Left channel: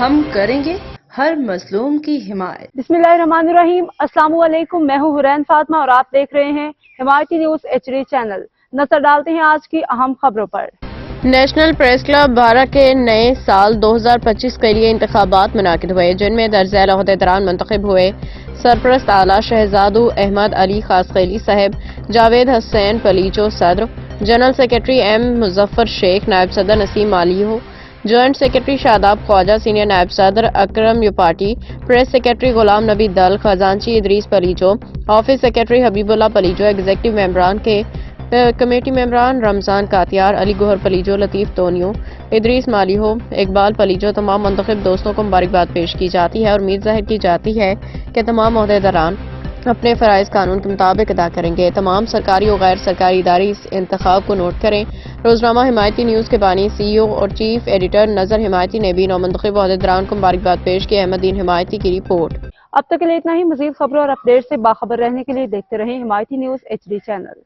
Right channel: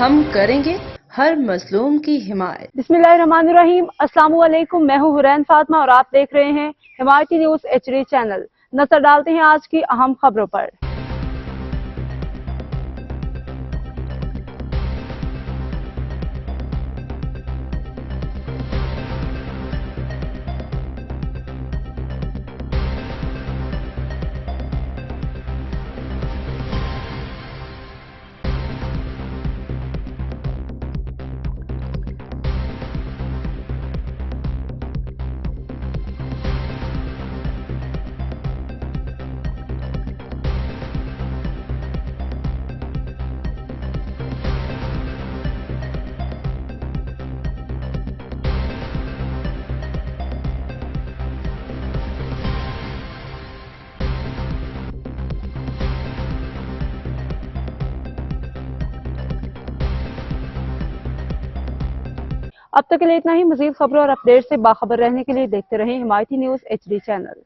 ہم کریں گے ہر مظلوم کی حمایت۔ بسم اللہ الرحمن الرحیم۔ السلام علیکم، میں ہوں حرین فاطمہ اور آپ دیکھ رہے ہیں حمایتی نیوز HD چینل۔ نظر ڈالتے ہیں آج کی اہم خبروں پر۔ نیشنل پریس کلب بھارا کے نئے سال 2025 کے لیے انتخابات منعقد ہوئے، جن میں درج ذیل عہدیداران منتخب ہوئے۔ سرپرست اعلیٰ شہزادو احمد علی خاصخیلی صاحب، جاوید حسین پلیچو صدر، جنرل سیکرٹری M مظفر شیخ، نائب صدر نسیم مالیحو، جوائنٹ سیکرٹری شاداب خواجہ، سینئر نائب صدر اکرم یوپاٹی، پریس سیکرٹری غلام نبی دل، خزانچی ادریس پلیچو، آفس سیکرٹری حبیب اللہ پلیچو، ایگزیکٹو ممبران کے کمیٹی ممبران رمضان کاتیار، علی گوہر پلیچو، لطیف تونیو، ادریس مالیحو، اقبال پلیچو، تمام منتخب دوستوں کو مبارکباد پیش کی جاتی ہے اور امید ظاہر کی جاتی ہے کہ تمام عہدیداران اپنے فرائض قانون کے مطابق ادا کریں گے۔ تمام سرکاری و غیر سرکاری ادارے اس انتخاب کو نوٹ کریں۔ روزنامہ حمایتی نیوز کے بانی CEO اور چیف ایڈیٹر نظر حمایتی نے بھی نومنتخب عہدیداران کو مبارکباد پیش کی۔ احمد دین حمایتی کی رپورٹ۔ اب تک کے لیے اتنا ہی۔ مزید خبروں اور اپڈیٹ سے باخبر رہنے کے لیے دیکھتے رہیں حمایتی نیوز HD چینل۔